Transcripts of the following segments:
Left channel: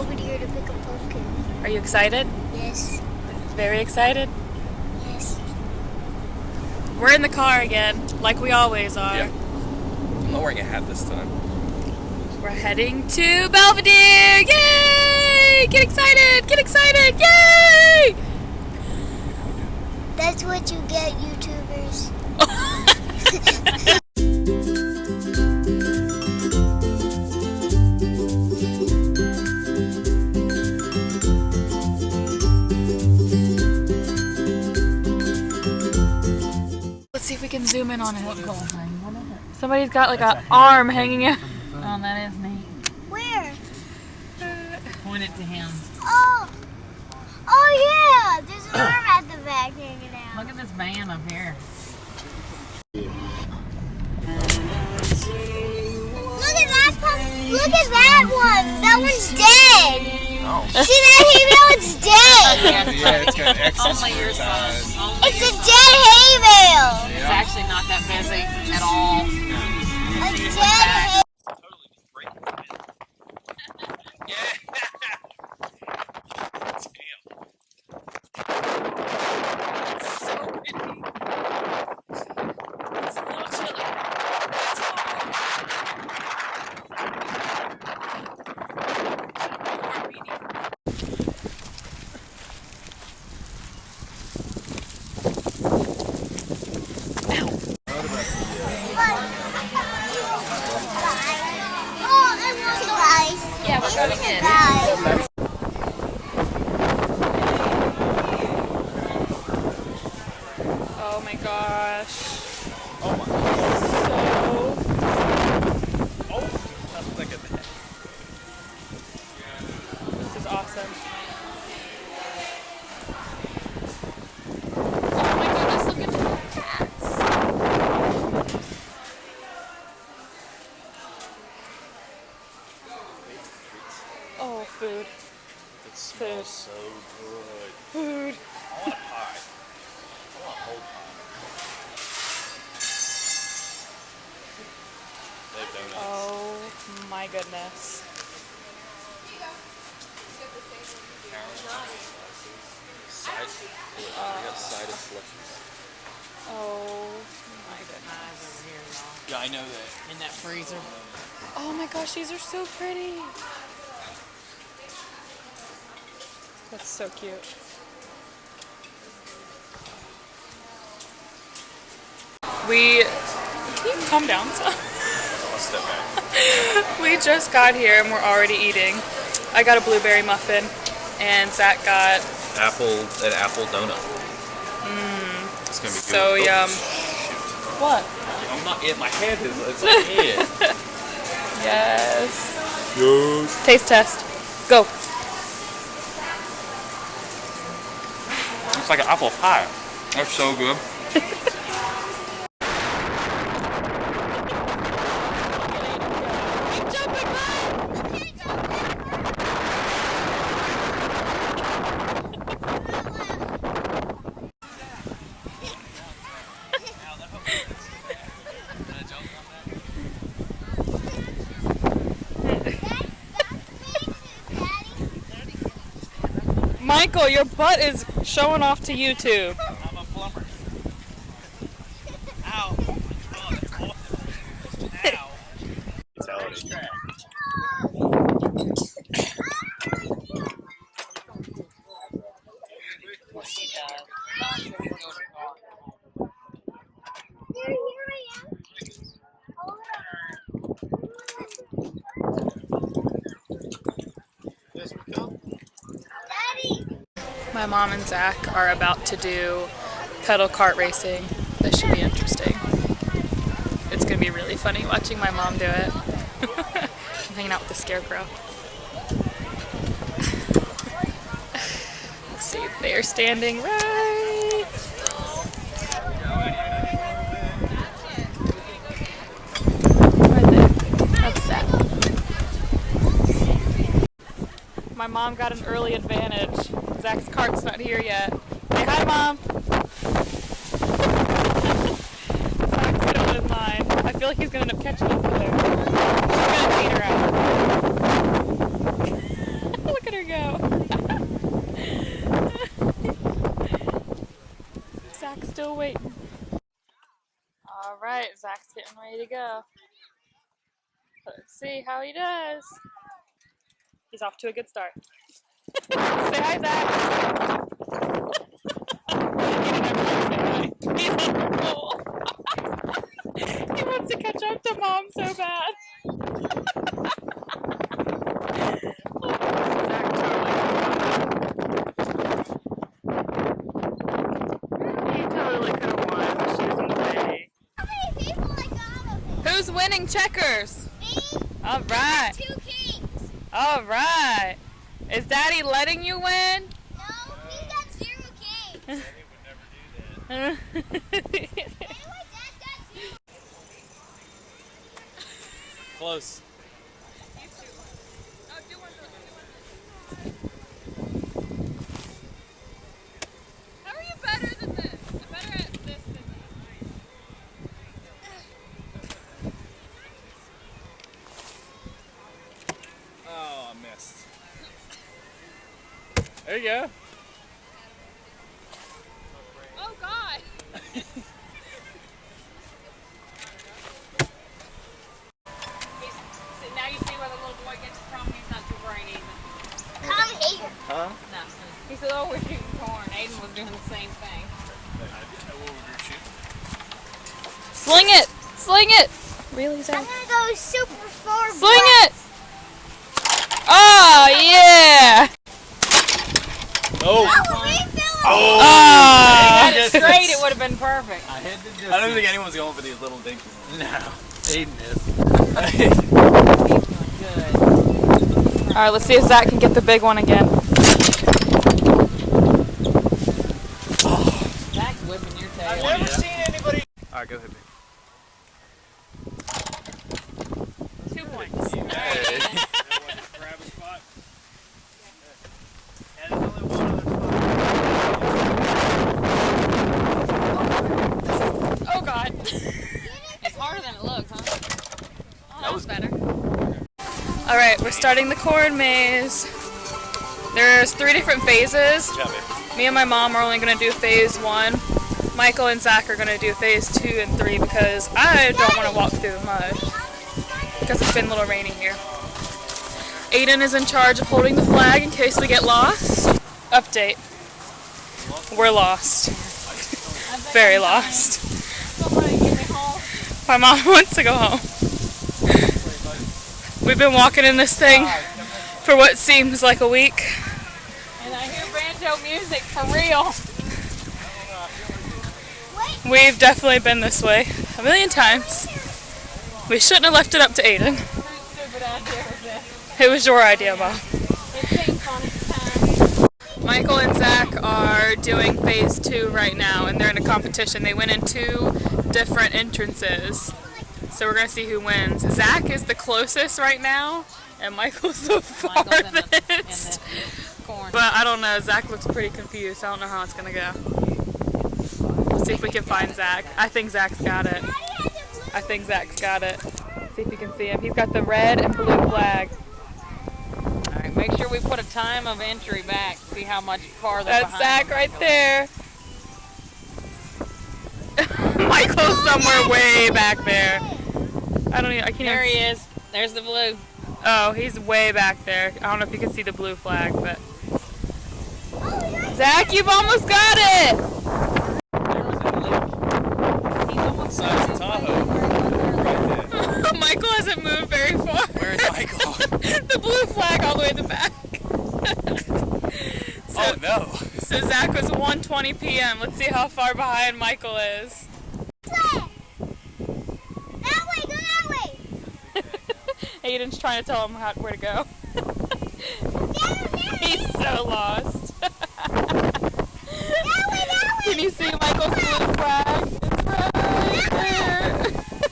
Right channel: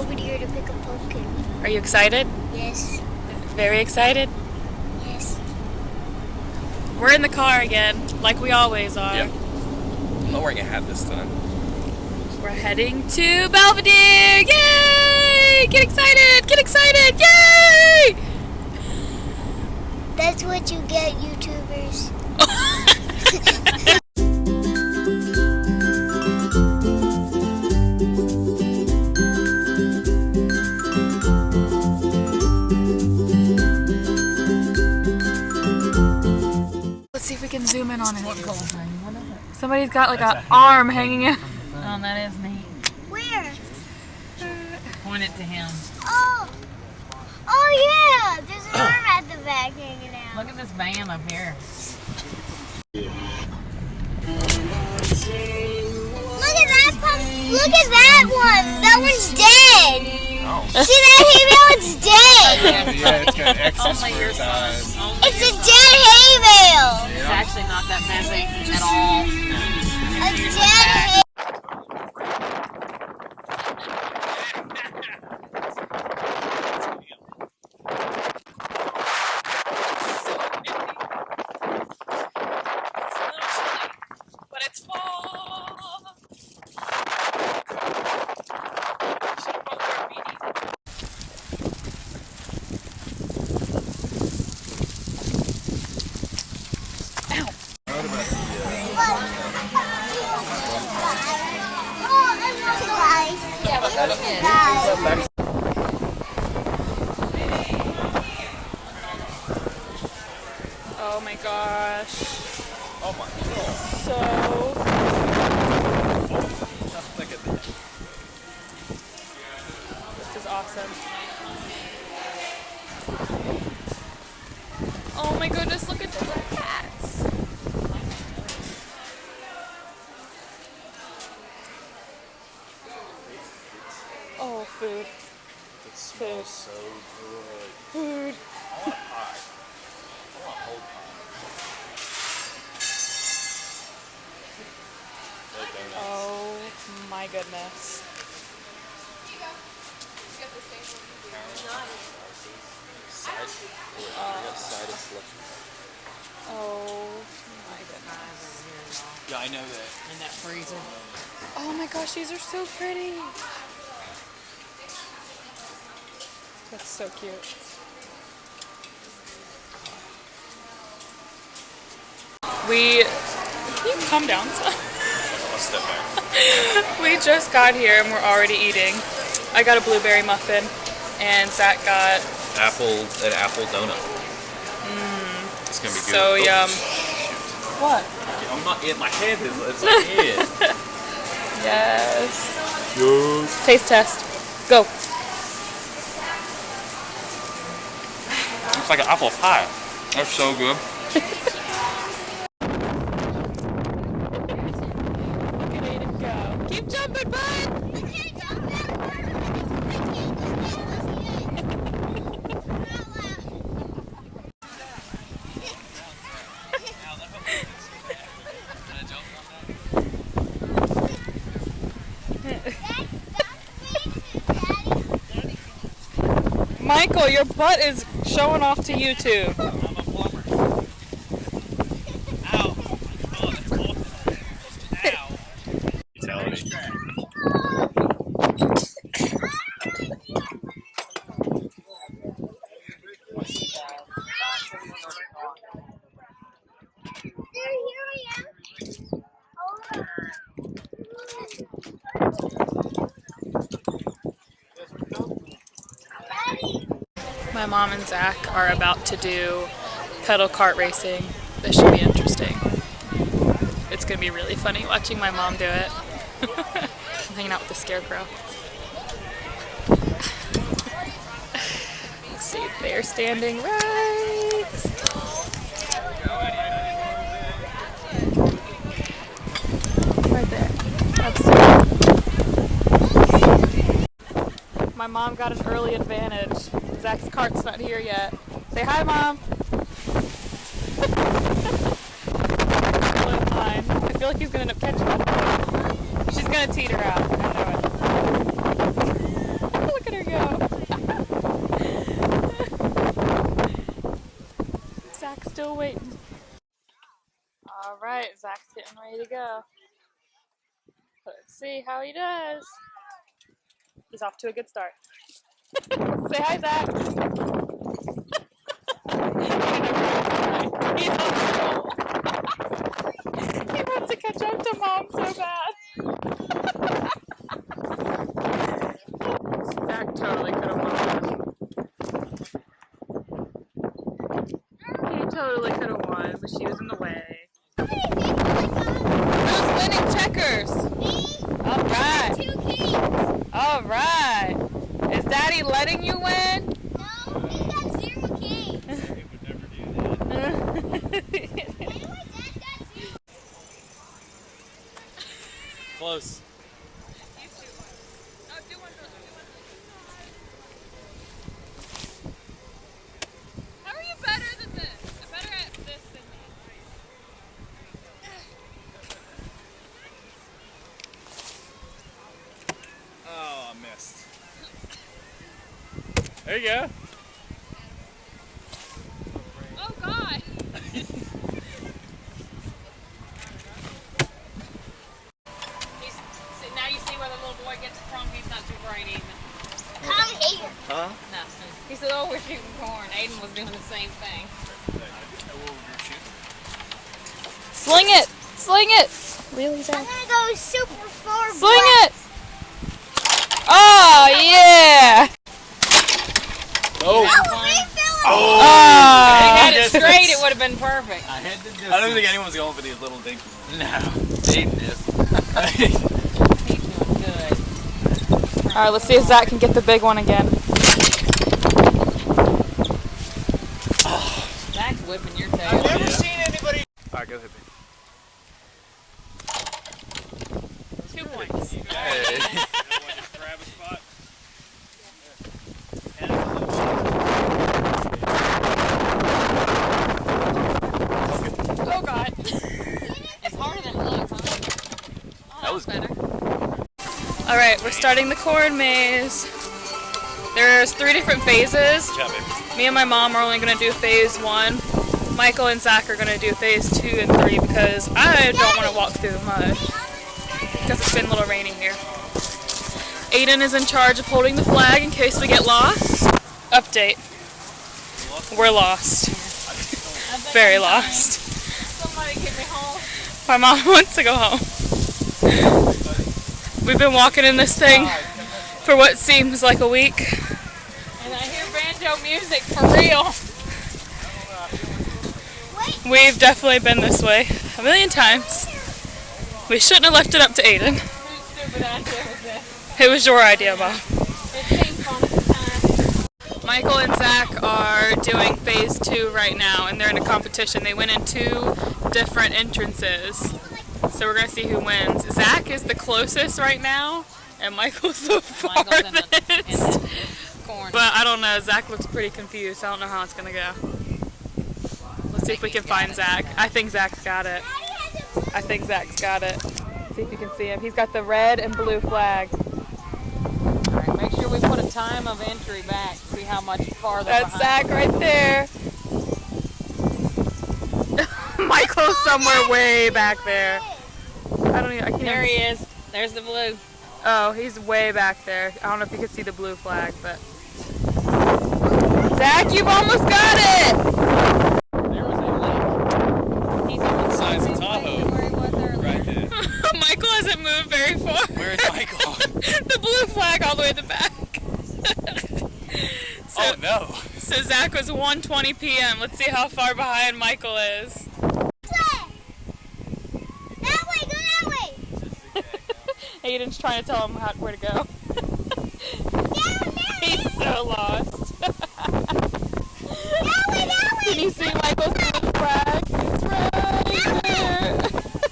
Belvedere to pick a pumpkin. Are you excited? Yes. Very excited? Yes. We're in the car again, like we always are. Yep. I'm not wearing a hat this time. We're heading to Belvedere! Yay! Get excited! Get excited! Yay! That's what you get, YouTubers. Let's see if we can zoom in on it. Somebody's got like an arm hanging out. Oh, that is neat. Where? Point it to him. Oh! Oh yeah! There's an arm at the back hanging out. Look at this van up here. Look at that pump. Look at that one. That one's dead. Oh. See that hay bale? It's dead. Yeah, it's got X's Only for your its eyes. son. It's a dead hay bale. It's actually not that busy at all. A dead hay. Yeah, we're going in. Oh my gosh. Oh my. So Nothing like it. this is awesome. Oh my goodness, look at the cats. Oh, food. It smells so good. Food. I want a pie. I want a whole pie. No donuts. Oh my goodness. We got cider slushies. Oh my goodness. Yeah, I know that. In that freezer. Oh my gosh, these are so pretty. That's so cute. Can you calm down some? I'll step back. We just got here and we're already eating. I got a blueberry muffin and Zach got An apple donut. It's gonna be good. so yum. Shoot. What? I'm not in my head. It's my head. Yes. Yes. Taste test. Go. It's like an apple pie. That's so good. Keep jumping, bud. Michael, your butt is showing off to YouTube. I'm a plumber. Ow. Oh, that's awesome. Ow. Fatality. My mom and Zach are about to do pedal kart racing. This should be interesting. It's gonna be really funny watching my mom do it. I'm hanging out with the scarecrow. Let's see, they're standing right. Right there. That's it. My mom got an early advantage. Zach's cart's not here yet. Say hi, Mom. Zach's still in line. I feel like he's gonna end up catching up with him. She's gonna teeter out. Look still waiting. All right, Zach's getting ready to go. Let's see how he does. He's off to a good start. Say hi, Zach. He didn't ever say hi. He's on the roll. He wants to catch up to Mom so bad. Zach totally could have won. He totally could have won, but she was in the way. How many people like Who's winning checkers? me? All right. 2 kings. All right. Is Daddy letting you win? No, he got 0 kings. He would never do that. Anyway, Dad got 0. Close. How are you better than this? I'm better at this than me. Oh, I missed. There you go. Oh God! Now you see where the little boy gets it from. He's not too bright even. Come here. Huh? No. He said, "Oh, we're shooting corn." Aiden was doing the same thing. Sling it! Sling it! Really, I'm Zach? gonna go super far. Sling it! Oh yeah! Oh. Oh, refill it. Oh! If it straight, it would have been perfect. I don't think anyone's going for these little dinky ones. No. Aiden is. He's doing good. All right, let's see if Zach can get the big one again. Zach's whipping your tail. I've never seen anybody. Alright, go ahead, baby. 2 points. Hey. Oh God! It's harder than it looks, huh? Oh, that was better. All right, we're starting the corn maze. There's 3 different phases. Good job, baby. Me and my mom are only going to do phase 1. Michael and Zach are going to do phase 2 and 3 because I don't want to walk through the mud because it's been a little rainy here. Aiden is in charge of holding the flag in case we get lost. Update. We're lost. Very lost. Somebody get me home. My mom wants to go home. We've been walking in this thing for what seems like a week. And I hear banjo music for real. We've definitely been this way a million times. We shouldn't have left it up to Aiden. Whose stupid idea was this? It was your idea, Mom. It seems fun at the time. Michael and Zach are doing phase 2 right now, and they're in a competition. They went in 2 different entrances, so we're gonna see who wins. Zach is the closest right now, and Michael's the Michael's in farthest. the corn. But I don't know. Zach looks pretty confused. I don't know how it's gonna go. Let's see if we can find Zach. I think Zach's got it. I think Zach's got it. See if you can see him. He's got the red and blue flag. All right, make sure we put a time of entry back. See how much farther That's behind. Zach right there. Michael's somewhere way back there. I can't There even he is. There's the blue. Oh, he's way back there. I don't know if you can see the blue flag, but Zach, you've almost got it. There was a lake. He's almost Size of Tahoe. Right there. Michael hasn't moved very far. Where is Michael? The blue flag all the way at the back. Oh no. So Zach was 1:20 p.m. Let's see how far behind Michael is. That way, go that way. Aiden's trying to tell him where to go. He's so lost. That way. Can you see Michael's blue flag? It's right there.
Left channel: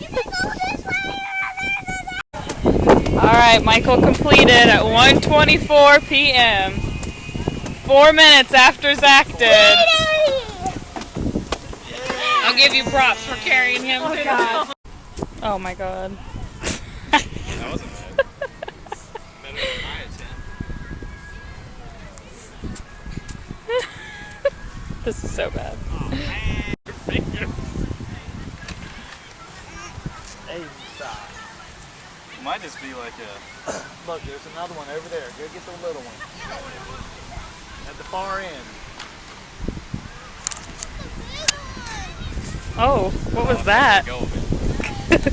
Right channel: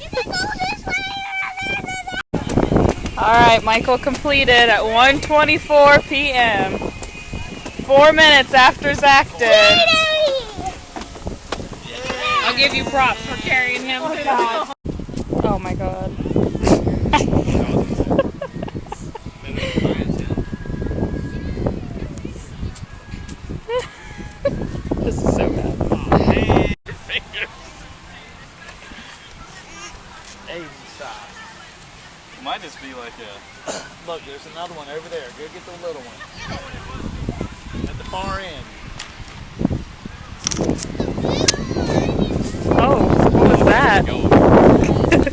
You can go this way. All right, Michael completed at 1:24 p.m. 4 minutes after Zach did. I'll give you props for carrying him. Oh, God. Oh my God. This is so bad. might just be like a... Look, there's another one over there. Go get the little one. At the far end. Oh, what was that? Go. This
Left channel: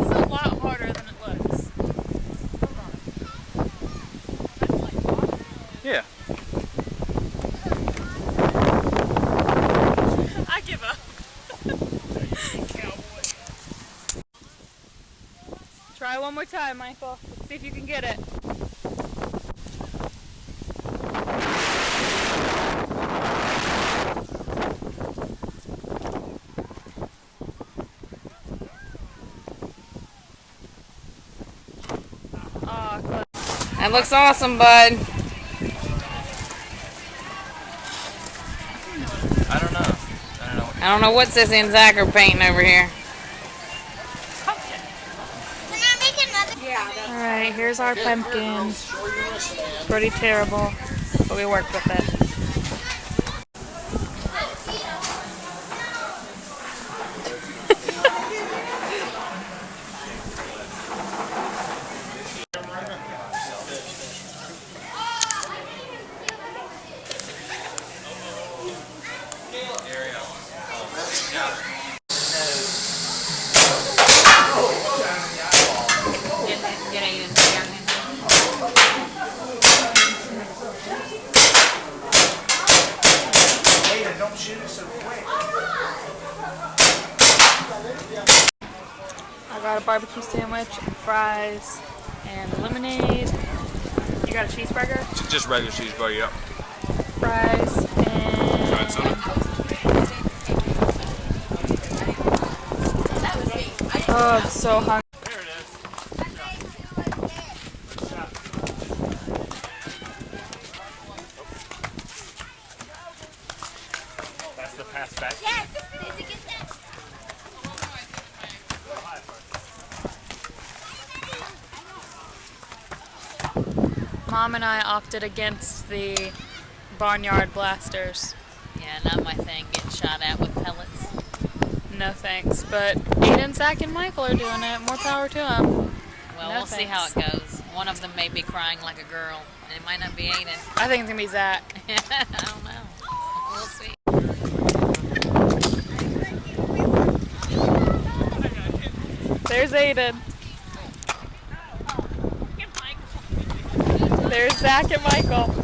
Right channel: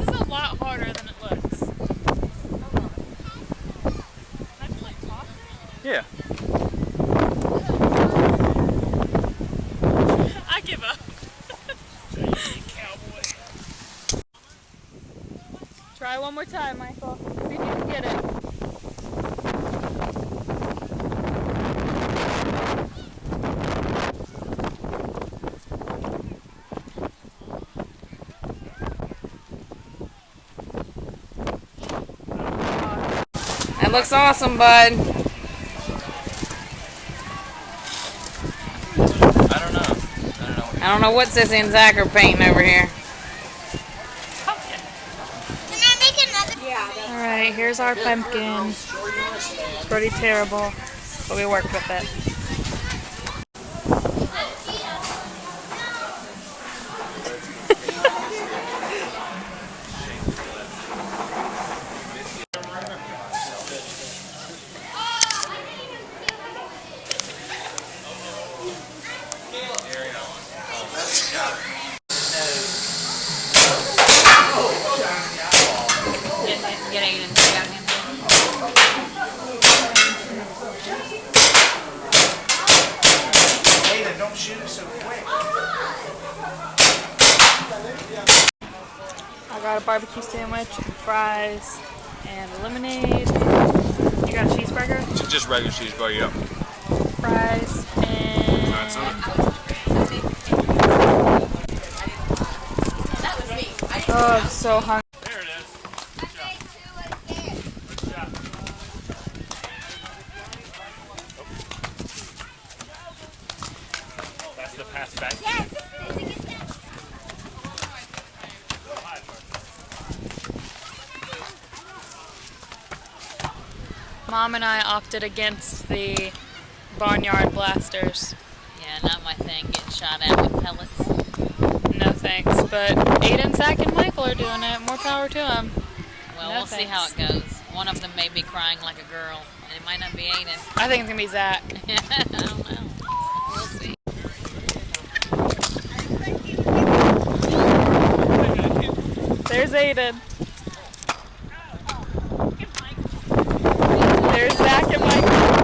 is a lot harder than it looks. Yeah. I give up. Cowboy. Try one more time, Michael. See if you can get it. That looks awesome, bud. I don't know. I don't know what Sissy and Zach are painting over here. Alright, here's our pumpkin. Pretty terrible, but we worked with it. Get Aiden. Aiden, don't shoot it so quick. I got a barbecue sandwich and fries and lemonade. You got a cheeseburger? Just regular cheeseburger, yep. Fries and... Oh, I'm so hungry. There it is. That's the pass back. Yes. Mom and I opted against the barnyard blasters. Yeah, not my thing. Getting shot at with pellets. No thanks, but Aiden, Zach, and Michael are doing it. More power to them. Well, No we'll see how thanks. it goes. One of them may be crying like a girl, and it might not be Aiden. I think it's gonna be Zach. I don't know. We'll see. There's Aiden. There's Zach and Michael.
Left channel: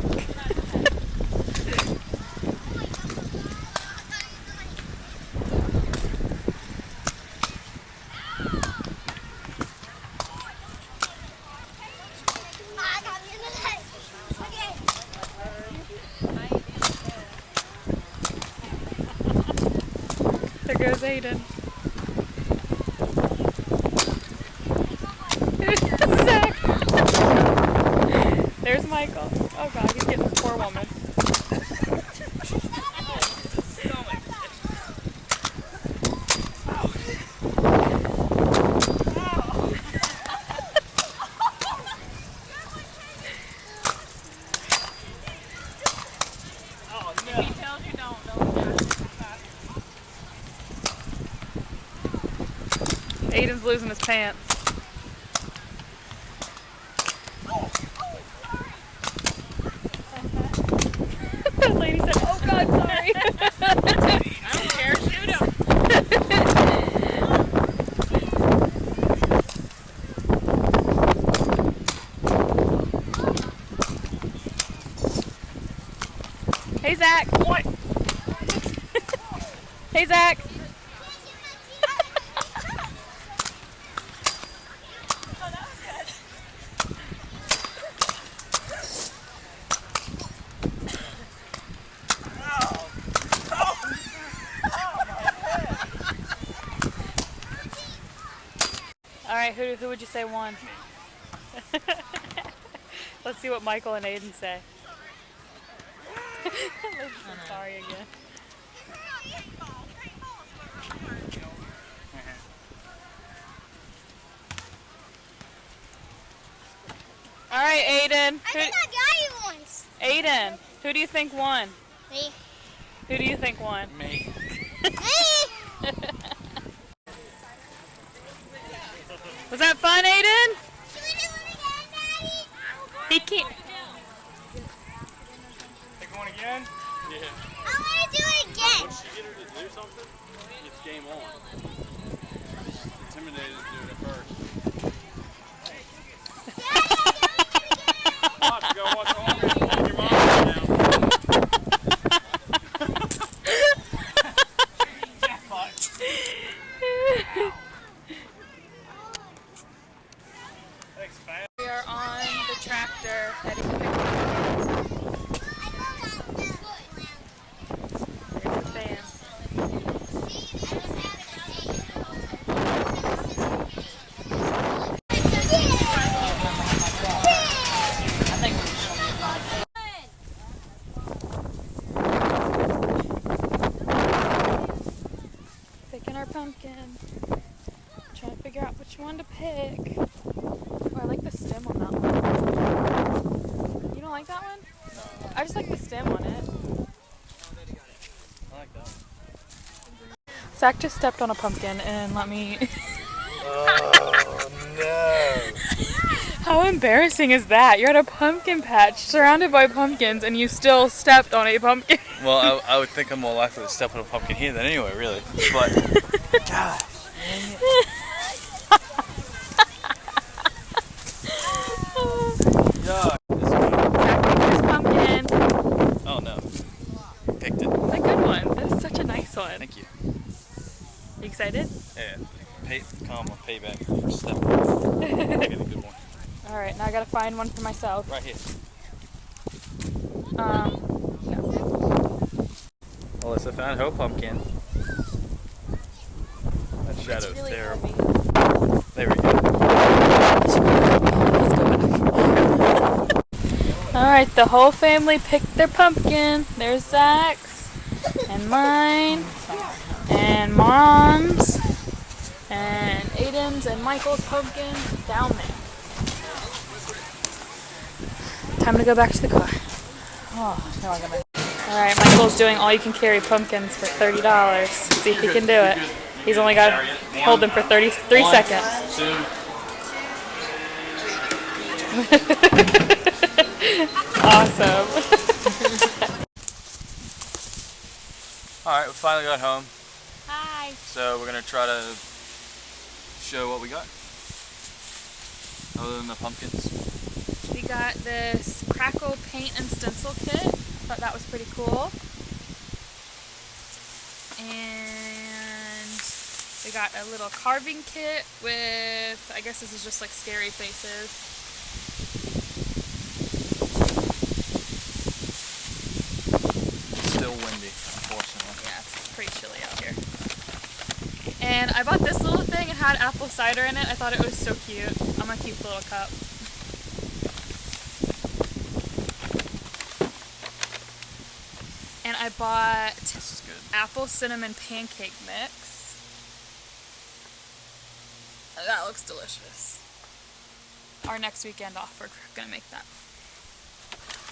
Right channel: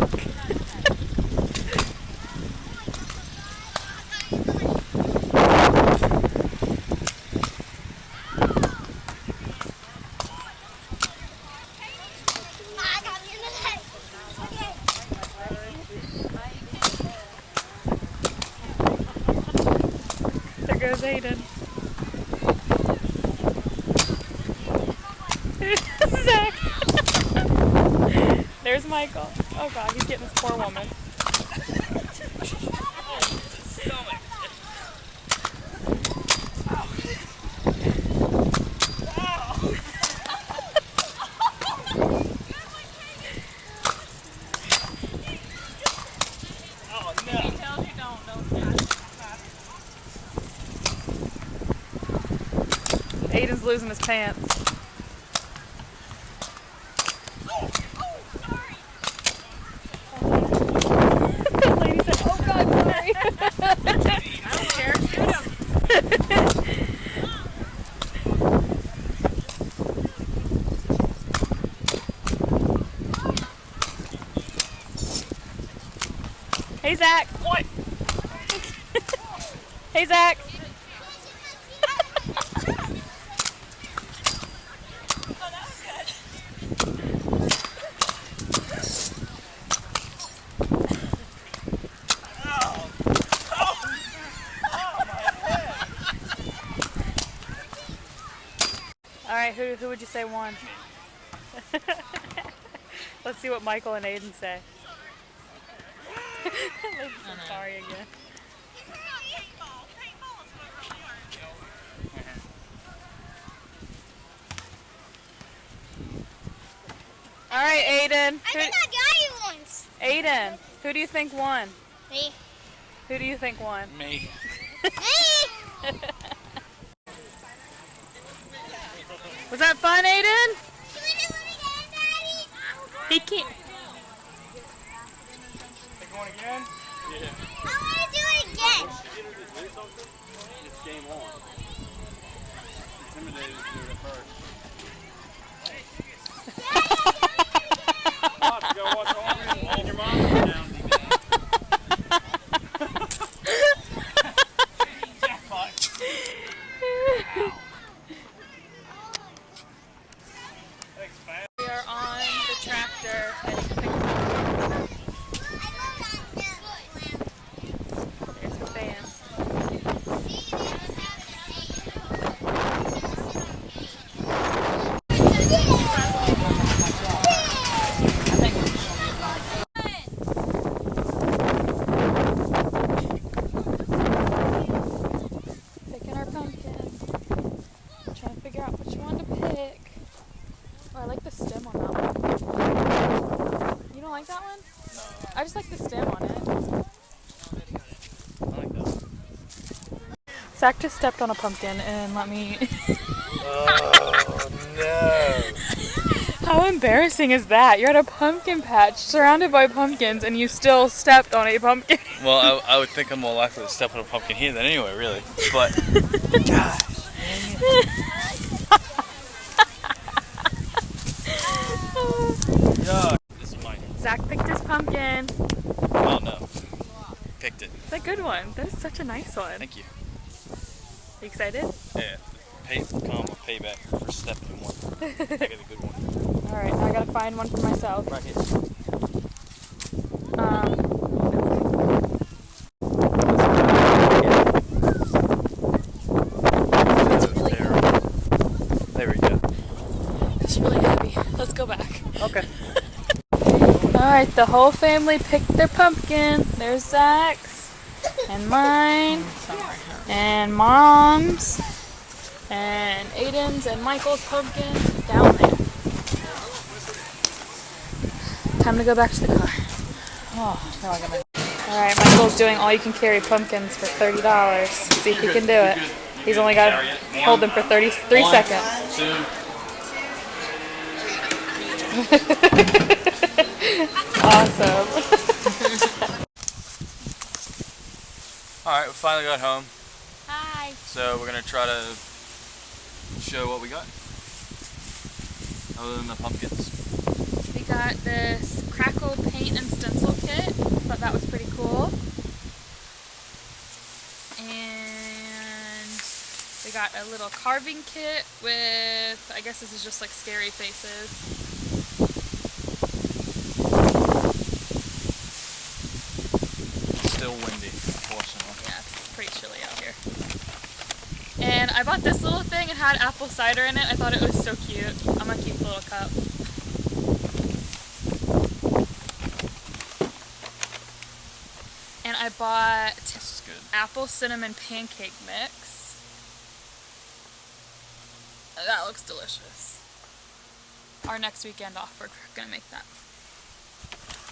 There goes Aiden. Zach. There's Michael. Oh god, he's getting this poor woman. Aiden's losing his pants. That lady said, "Oh God, sorry." I don't care. Shoot him. Hey Zach. What? Hey Zach. All right, who would you say won? Let's see what Michael and Aiden say. Lady's so sorry again. All right, Aiden. I think I got you once. Aiden, who do you think won? Me. Who do you think won? Me. Me. Was that fun, Aiden? He can't. Take one again? Yeah. I want to do it again. It's game on. Intimidated to do it at first. Watch, go watch Hungry and your mom now. Jackpot. Thanks, man. We are on the tractor heading to pick pumpkins. There's the fans. Picking our pumpkin. Trying to figure out which one to pick. Oh, I like the stem on that one. You don't like that one? No. I just like the stem on it. I like that. Zach just stepped on a pumpkin and let me... Oh, no. How embarrassing is that? You're at a pumpkin patch surrounded by pumpkins and you still stepped on a pumpkin. Well, I would think I'm more likely to step on a pumpkin here than anywhere, really. But, God. Yuck. This is mine. Zach picked his pumpkin. Oh, no. Picked it. It's a good one. That is such a nice one. Thank you. You excited? Yeah. Payback for stepping. I got a good one. Alright, now I gotta find one for myself. Right here. Shadows there. Very good. Let's go back. Alright, the whole family picked their pumpkin. There's Zach's, and mine, and Mom's, and Aiden's, and Michael's pumpkin is down there. Time to go back to the car. Alright, Michael's doing all you can carry pumpkins for $30. See if he can do it. He's only got to hold them for 33 seconds. Awesome. Alright, we finally got home. Hi. So we're going to try to show what we got. Other than the pumpkins. We got this crackle paint and stencil kit. Thought that was pretty cool. And we got a little carving kit with, I guess this is just like scary faces. It's still windy, unfortunately. Yeah, it's pretty chilly out here. And I bought this little thing. It had apple cider in it. I thought it was so cute. I'm gonna keep the little cup. And I bought This is good. apple cinnamon pancake mix. That looks delicious. Our next weekend off, we're gonna make that.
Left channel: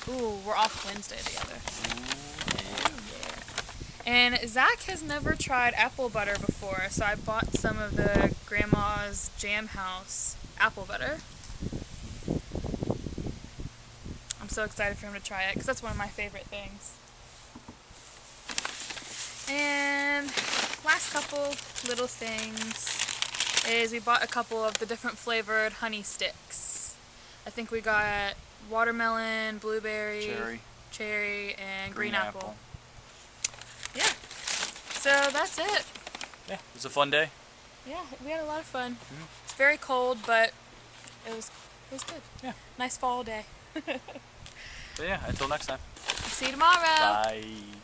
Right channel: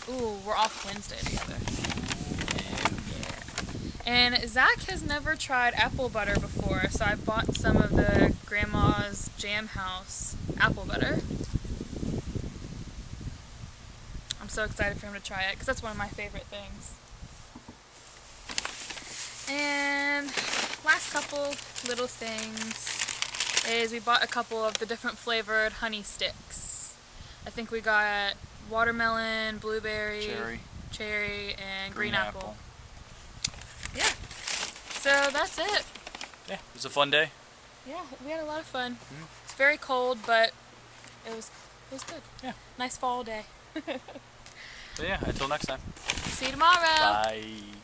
Ooh, we're off Wednesday together. And Zach has never tried apple butter before, so I bought some of the Grandma's Jam House apple butter. I'm so excited for him to try it, because that's one of my favorite things. And last couple little things is we bought a couple of the different flavored honey sticks. I think we got watermelon, blueberry, cherry, and green apple. Yeah. So that's it. Yeah, it was a fun day. Yeah, we had a lot of fun. It's very cold, but it was good. Yeah. Nice fall day. So yeah, until next time. See you tomorrow. Bye.